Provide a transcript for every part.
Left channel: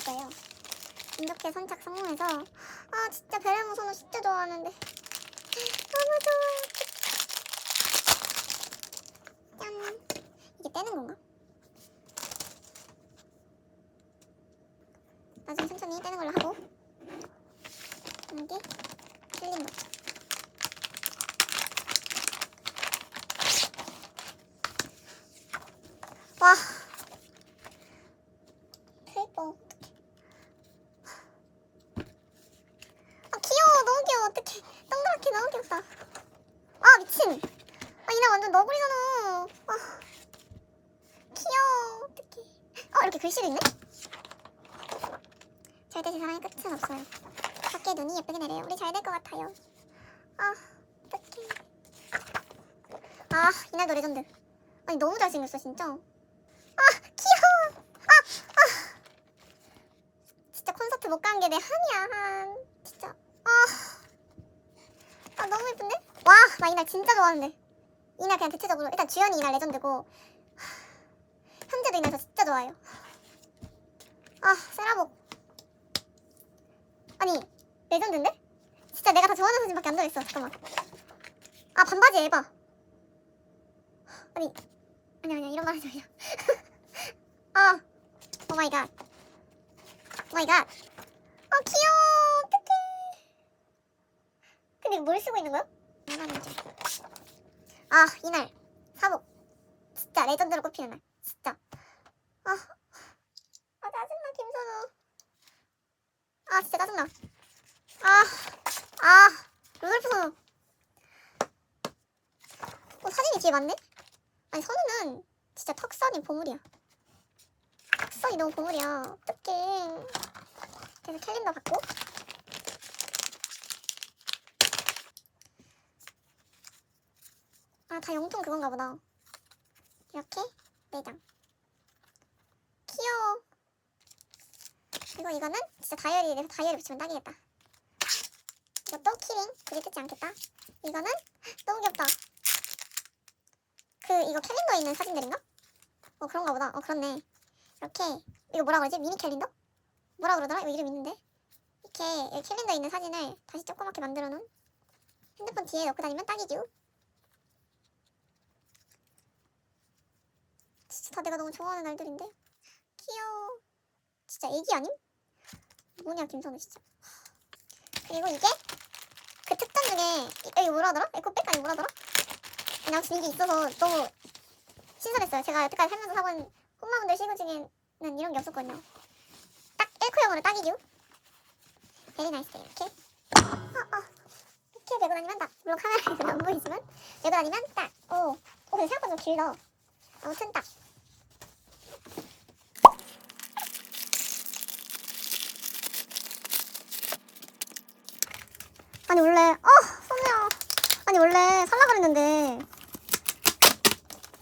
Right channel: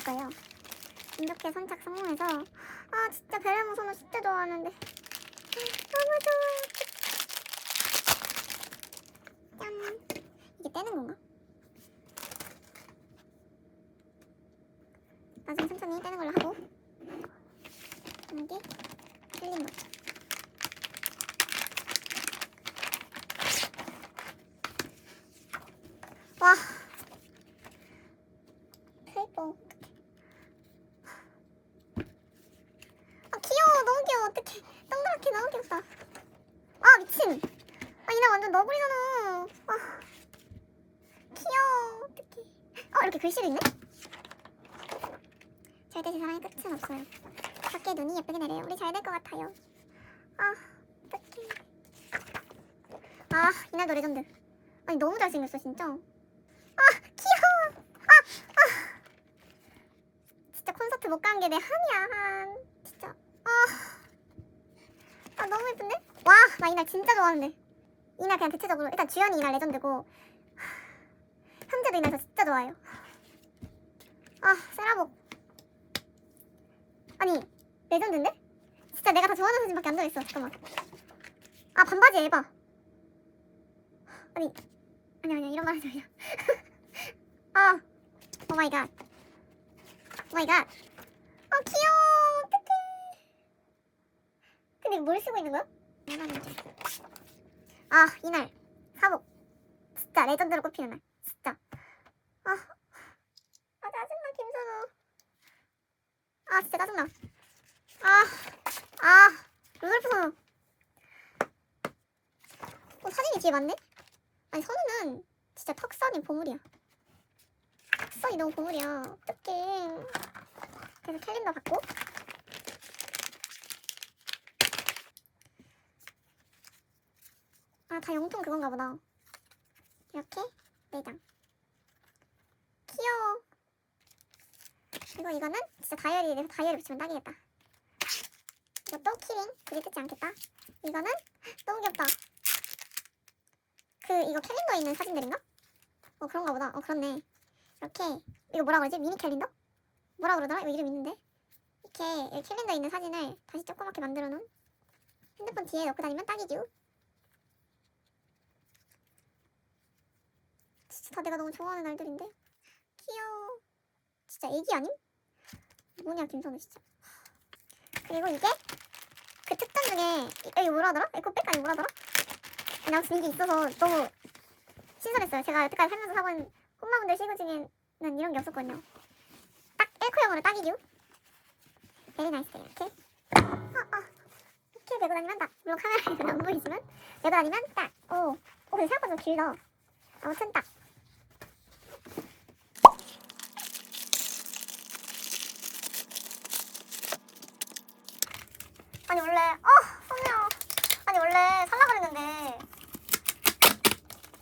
거예요. 이렇게 선착 성공해서 아 진짜 베레모 선호 진짜 좋아하는데 너무 좋아요. 짠. 이게 떼는 건가? 나중에 천천히 떼는 걸로 하고 이게 틀린 거. 와. 페이퍼. 아 귀여워. 너무 귀여워. 어떡해. 동그랗게 너무 귀엽다. 아 미친. 아 이나 완전 너구리잖아. 아 귀여워. 어떡해. 어 이렇게 글씨도 있네? 절대 제 사랑의 끝은 없어요. 밖에 눈이 예쁘게 내려요. 우리 잘 될 것 같아요. 아 어떡해. 아 이날도 레전드 아니 너무 잘생겼어 진짜. 아 귀여워 아, 아. 진짜 콘서트 못 간 게 내 한이야 한 진짜 아, 아 너무 예쁜데? 와, 나 이날 진짜 좋아하는데. 이날 그냥 대체적으로 일단 주연이 이날 레전드고 하, 현재도 이날 저 진짜 좋아해요. 아, 세라복. 아니, 레전드인데? 진짜 내가 다 좋아하는 사진밖에 안 들어있어. 잠깐만. 아, 반바지 에바. 아니, 아니 아니 이런 말 하지 말자. 아, 오 마이 갓. 오 마이 갓. 아, 귀여워. 어떡해. 근데 뭘 쓰고 있는 거야? 아 이날. 사복. 진짜 레전드로 꼽히는 날. 진짜. 아, 아 짜증나 김선우. 아 진짜 짜증나. 아아. 루돌프 선우 어 사진이 뒤에 맞네? 아니 선우는 진짜 턱선이 보물이야. 턱선이 너무 보물이야. 어떡해 그래서 캘린더 받고 아, 다 영통 그건가 보다. 이렇게 네 장. 귀여워. 그리고 이거는 진짜 다이어리에 대해서 다이어리 붙이면 딱이겠다. 이것도 키링. 굳이 뜯지 않겠다. 이거는 너무 귀엽다. 그 이거 캘린더에 있는 사진들인가? 어 그런가 보다. 어 그렇네. 이렇게 이거 뭐라 그러지? 미니 캘린더? 뭐라 그러더라? 이거 이름 있는데. 이렇게 여기 캘린더에 있는 사진을 다시 조그맣게 만들어 놓은 핸드폰 뒤에 넣고 다니면 딱이죠. 진짜 다 내가 너무 좋아하는 날들인데 귀여워 진짜 애기 아님? 뭐냐 김선우 진짜 그리고 이게 그 특전 중에 이- 여기 뭐라 하더라? 에코백 아니 뭐라 하더라? 그냥 아무튼 이게 있어서 너무 신선했어요 제가 여태까지 살면서 사본 홈마운드 시구 중에는 이런 게 없었거든요 딱 1코형으로 딱이죠? 베리 나이스 이렇게? 아, 아. 이렇게 메고 다니면 딱. 물론 카메라에서는 안 보이지만 메고 다니면 딱 오. 오, 근데 생각보다 좀 길다 아무튼 딱. 아니 원래 어 소미야. 아니 원래 살라 그랬는데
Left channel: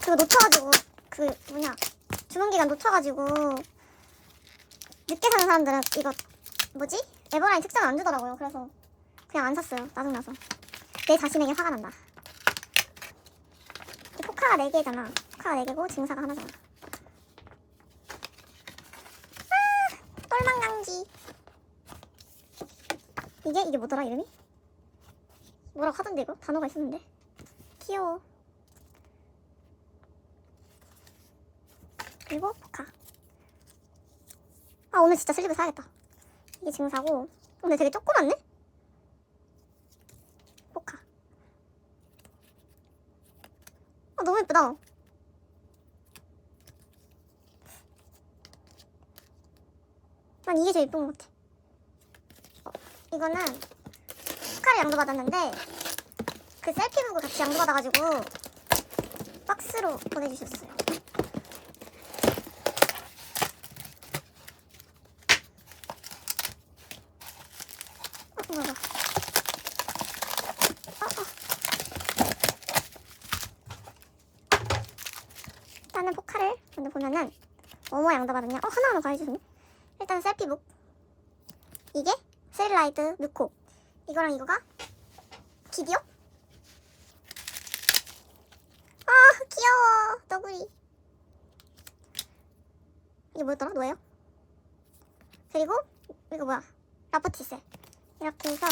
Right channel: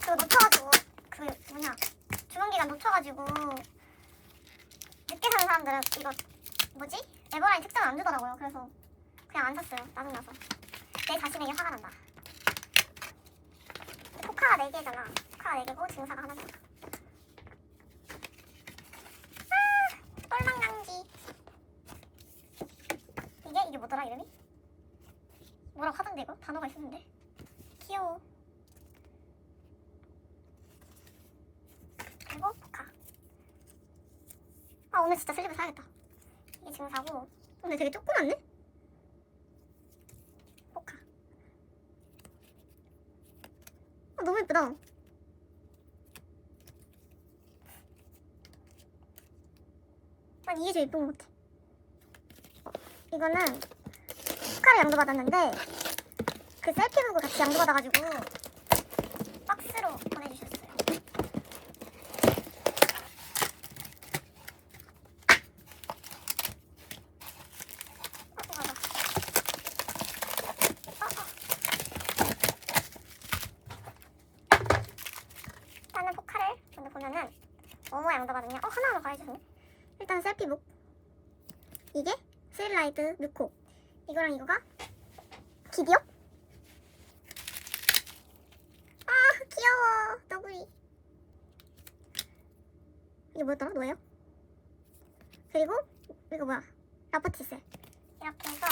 그거 놓쳐가지고 그 뭐냐. 주문 기간 놓쳐가지고 늦게 사는 사람들은 이거 뭐지? 에버라인 특장을 안 주더라고요. 그래서 그냥 안 샀어요. 짜증나서. 내 자신에게 화가 난다. 이 포카가 4개잖아. 포카가 4개고 증사가 하나잖아 아 똘망강지. 이게? 이게 뭐더라 이름이? 뭐라고 하던데 이거? 단어가 있었는데? 귀여워. 그리고 아 오늘 진짜 슬립을 사야겠다. 이게 증사고. 오늘 되게 조그맣네? 포카. 아 너무 예쁘다. 난 이게 제일 예쁜 것 같아. 어, 이거는 포카를 양도받았는데 그 셀피북을 같이 양도받아가지고 박스로 보내주셨어요 일단은 포카를 먼저 보면은 어머 양도받았네 어 하나하나 다 해주시네. 일단 셀피북 이게 세일라이트 느코. 이거랑 이거가 기디오? 아 귀여워. 너구리 이게 뭐였더라? 노예요? 그리고 이거 뭐야? 라퍼티셀. 이렇게 해서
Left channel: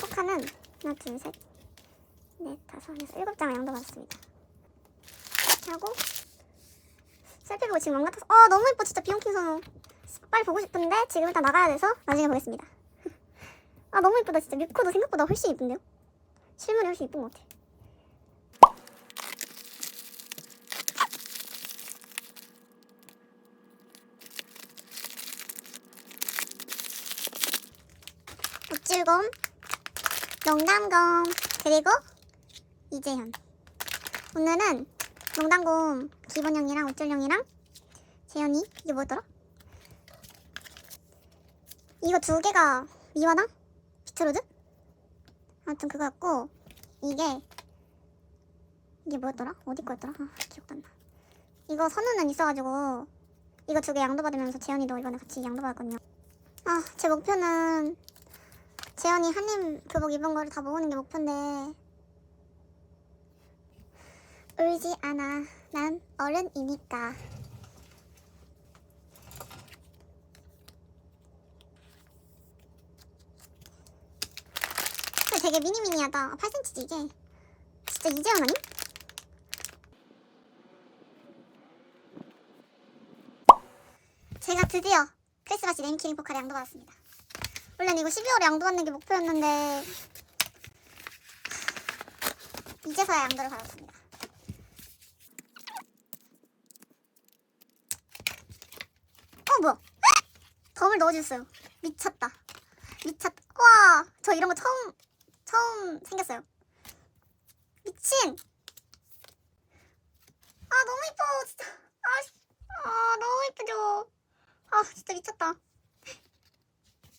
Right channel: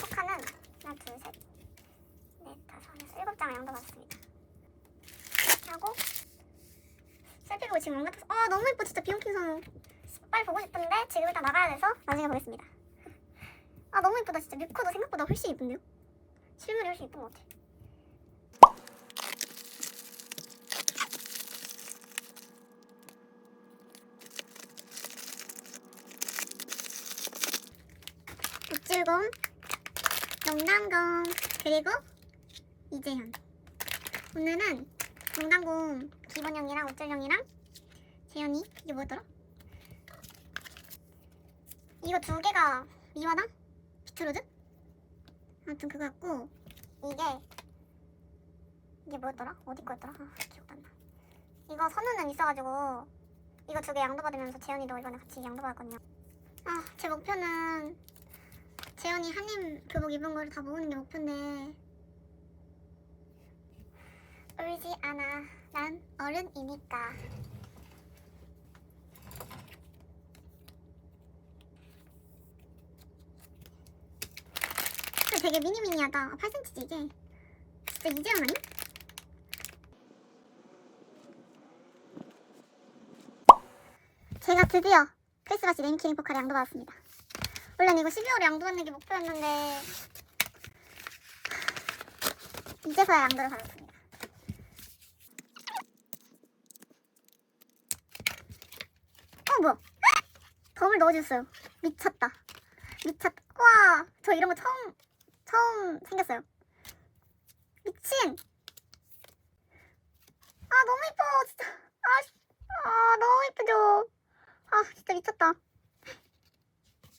포카는 하나 둘 셋 넷, 다섯, 여섯, 일곱 장을 양도 받았습니다. 이렇게 하고 셀피가 지금 안 같아서 아 너무 예뻐 진짜 비용킹 선호 빨리 보고 싶은데 지금 일단 나가야 돼서 나중에 보겠습니다. 아 너무 예쁘다 진짜 뮤코도 생각보다 훨씬 예쁜데요? 실물이 훨씬 예쁜 것 같아. 육질검, 농담검, 그리고 이재현. 오늘은 농담곰 기본형이랑 어쩔형이랑 재현이 이게 뭐였더라? 이거 두 개가 미화당? 비트로드? 아무튼 그거였고 이게 이게 뭐였더라? 어디 거였더라? 아, 기억도 안 나. 이거 선우는 있어가지고 이거 두 개 양도 받으면서 재현이도 이번에 같이 양도 받았거든요. 아, 제 목표는 재현이 한임 교복 입은 거를 다 모으는 게 목표인데 울지 않아. 난 어른이니까. 근데 되게 미니미니하다. 8cm지 이게. 진짜 이재현 아님? 제가 드디어 크리스마스 네임키링 포카를 양도 받았습니다. 원래는 이거 12월에 양도 받는 게 목표였는데 이제서야 양도를 받았습니다. 어 뭐야? 덤을 넣어줬어요. 미쳤다. 미쳤다. 와, 저 이런 거 처음 처음 생겼어요. 미친. 아 너무 이뻐 진짜. 아, 씨. 아 너무 이쁘죠. 아 진짜 미쳤다.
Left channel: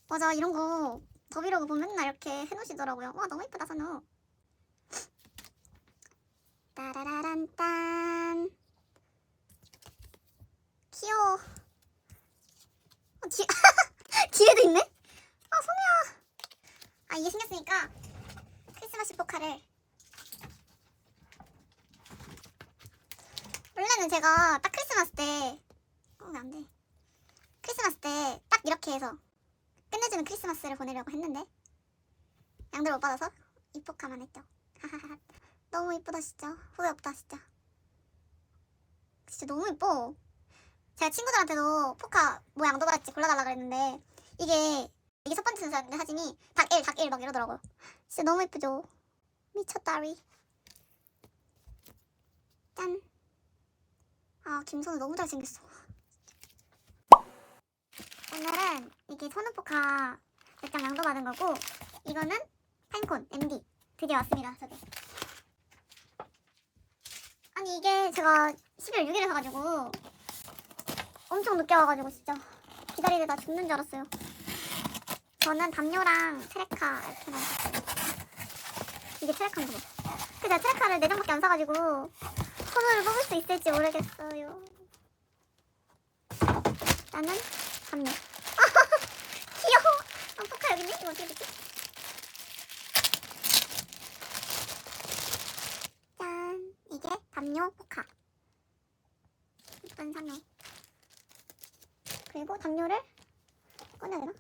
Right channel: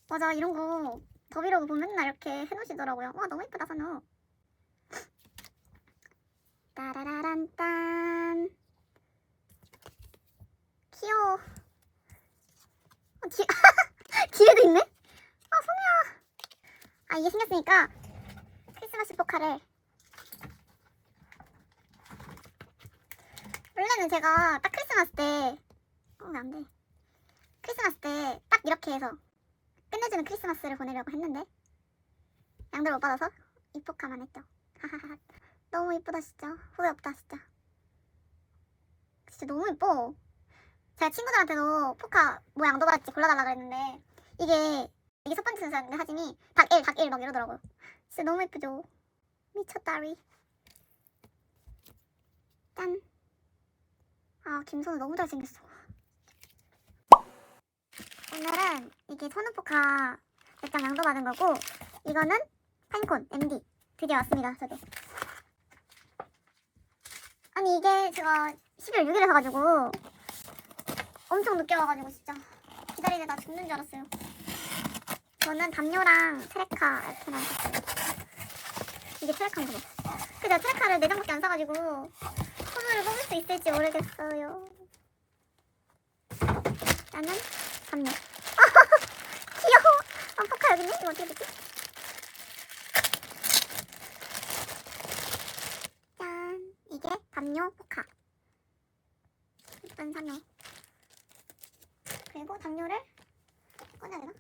맞아 이런 거 더비로그 보면 맨날 이렇게 해놓으시더라고요. 와 너무 이쁘다 선우. 따라라란 딴. 귀여워. 어, 뒤 뒤에도 있네? 아 선우야. 아 이게 생겼으니까 크리스마스 포카를 원래는 제가 딱 크리스마스 때 어, 왜 안 돼? 크리스마스 때 딱 이렇게 해서 끝내주는 크리스마스를 보내려고 했는데 양들 못 받아서 이 포카만 했죠. 너무 이쁘다 진짜. 후회 없다 진짜. 진짜 너무 이뻐. 제가 친구들한테도 포카 뭐 양도 받았지 골라달라 그랬는데 이게 이게 첫 번째 순서였는데 사진이 닭1, 닭1 막 이러더라고요. 진짜 너무 예쁘죠? 미쳤다리. 짠. 아 김선우 너무 잘생겼어. 오늘은 이게 선우 포카 몇장 양도 받은 거고 이거는 파인콘 MD 드디어 왔습니다 저게. 아니 이게 제가 12월 6일에 사가지고 엄청 늦게 와가지고 진짜 기다리다가 죽는 줄 알았어요. 저는 담요랑 트레카 이렇게만 샀어요. 이게 트레카인가 봐. 근데 트레카를 4장밖에 안 사가지고 선물을 뽑을 수 있을지 모르겠어요. 나는 담요. 귀여워. 아, 포카 여기 있네? 이거 어떻게 됐지? 짠. 이게 담요 포카. 예쁜 담요. 그리고 담요를 꺼내야 되나?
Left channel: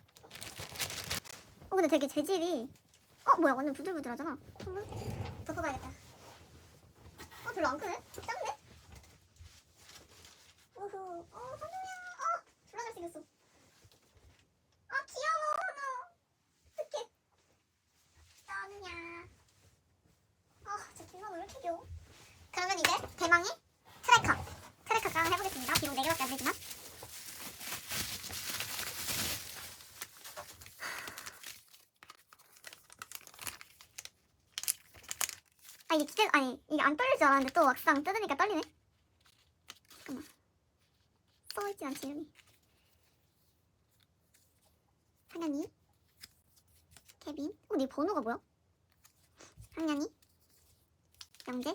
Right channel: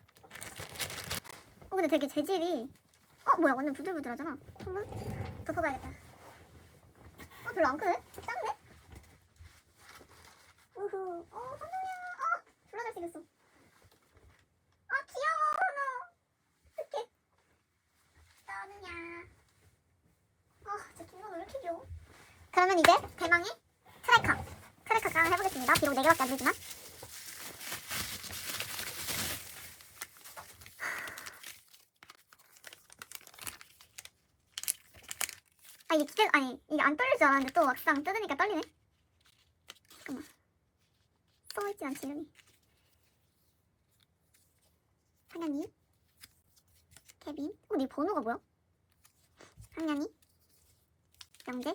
어 근데 되게 재질이 어 뭐야 완전 부들부들하잖아. 한번 덮어봐야겠다. 어 별로 안 크네? 작네? 우후. 어 선우야. 어 졸라 잘생겼어. 아 귀여워 선우 어떡해. 선우야. 아저 김선우 왜 이렇게 귀여워? 그러면 이제 대망의 트레카 트레카 깡 해보겠습니다. 비록 4개밖에 안 되지만 아 이게 진짜 아니 이게 안 떨릴 줄 알았는데 또 막상 뜯으니까 떨리네. 잠깐만. 써있지 않지 이름이. 상현이, 케빈. 어, 네 번호가 뭐야? 상현이, 영재,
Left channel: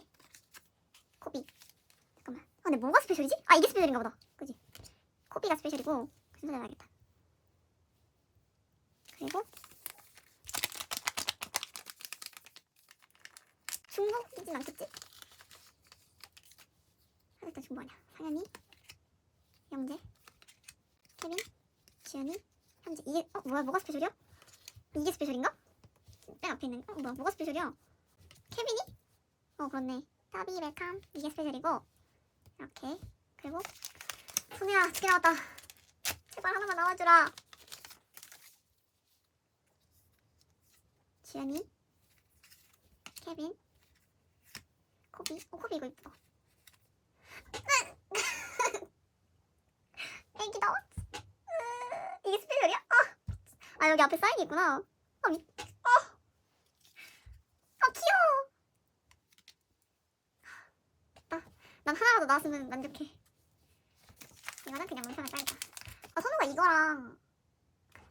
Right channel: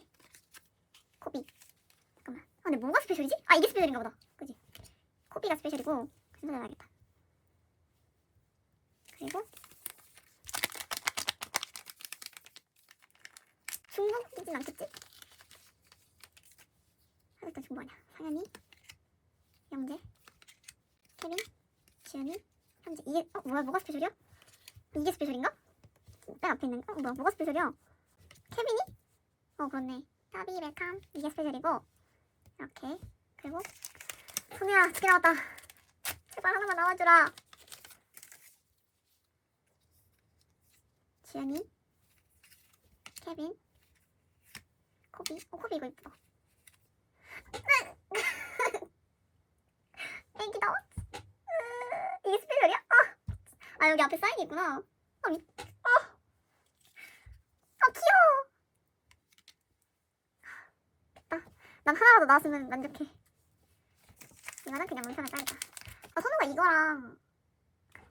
코비. 잠깐만. 아 근데 뭐가 스페셜이지? 아 이게 스페셜인가 보다. 그지? 코비가 스페셜이고 순서대로야겠다. 그리고 중복이진 않겠지? 하루도 지금 뭐하냐 상현이 영재 케빈 지현이 현재 이게 어 뭐야 뭐가 스페셜이야? 이게 스페셜인가? 딱 앞에 있는 어 뭐야 뭐가 스페셜이야? 케빈이? 어 그렇네 따비 웰캄 이게 스페셜이고 이렇게 그리고 소녀야 어떻게 나왔다 제발 하나만 나와주라 지연이 케빈 코비 어 코비 이거 이쁘다. 애기다 으, 이게 스페셜이야? 아, 아 여기 앞에 사인이 있구나. 아, 미, 아, 아 귀여워. 됐다. 난 하나라도 나왔으면 만족해. 이거는 그냥 문편에 짜이다. 아 선우가 이거랑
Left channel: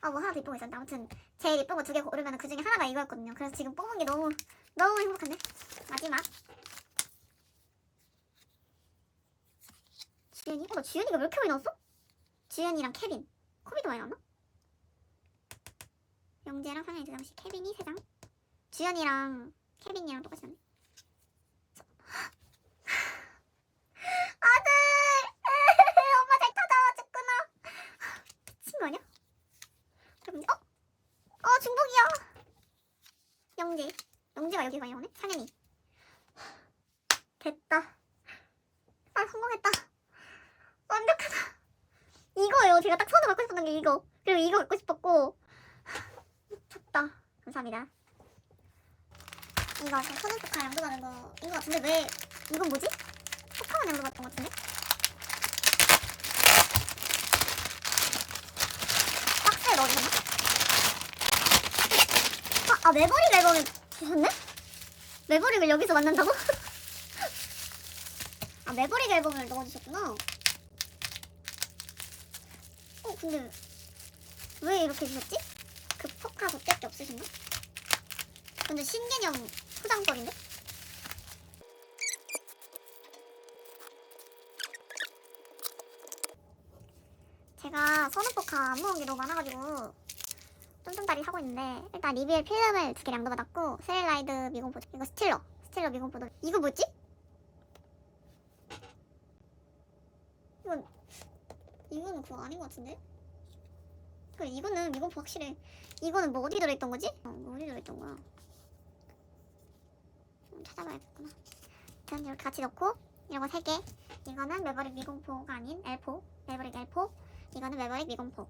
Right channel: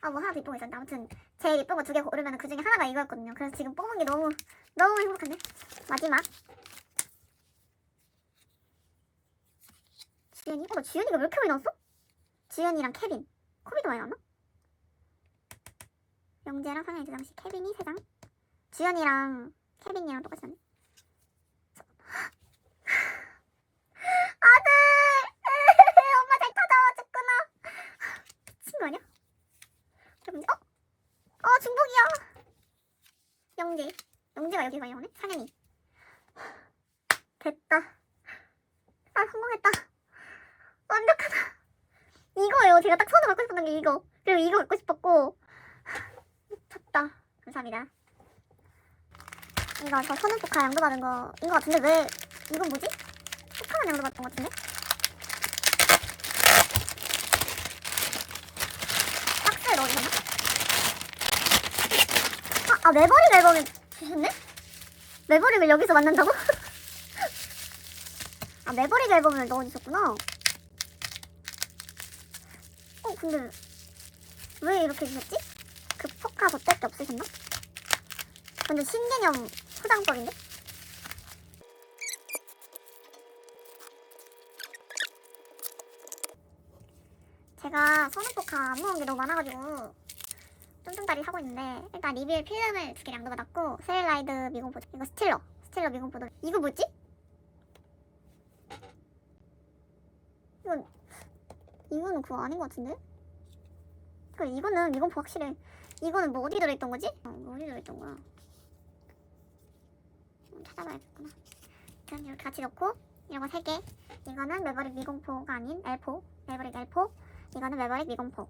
아 뭐 하나 더 이쁜 거 있었는데. 아무튼 제일 예쁜 거 두 개 고르면 그 중에 하나가 이거였거든요. 그래서 지금 뽑은 게 너무 너무 행복한데? 마지막 주연이? 어, 나 주연이가 왜 이렇게 많이 나왔어? 주연이랑 케빈 코비도 많이 나왔나? 영재랑 상현이 두 장씩 케빈이 세장 주연이랑 케빈이랑 똑같이 나네 아들 엄마 잘 찾아와줬구나 미친 거 아니야? 그럼 어? 어 중복이야 영재 영재가 여기 많이 오네 상현이 됐다 아 성공했다 완벽하다 이거예요 제가 딱 손으로 갖고 싶었던 게 그리고 이거 갖고 싶었고 미쳤다 감사합니다 이거 저 손은 포카 양도 받은 거인 거 같은데 왜 이건 뭐지? 포카만 양도 받던 거 같은데? 박스에 넣어주셨나? 아, 아 메버릭 앨범을 주셨네? 메버릭을 여기서 만난다고? 아 메버릭 앨범을 넣어주셨구나 어 근데 왜 이렇게 주셨지? 그 포카 그때밖에 없으셨나? 근데 신개념 포장법인데? 제가 선우 포카 안 모은 게 너무 많아가지고 쫌쫌다리 사고 있는데 일단 리뷰의 필름을 두 개 양도 받았고 세일라이드 미공포 이거 스틸러 스틸러 미공포도 이거 뭐지? 이건 이거는 그거 아닌 것 같은데? 그 이거는 미공포 확실해 이거는 뭐 어디 들어있던 거지? 어, 뭐 어디 들어있던 거야? 좀 찾아봐야겠구나. 일단 이렇게 같이 넣고 이런 거세 개. 이거는 매버릭 미공포가 아닌 L4, 매버릭 L4. 이거는 매버릭 미공포.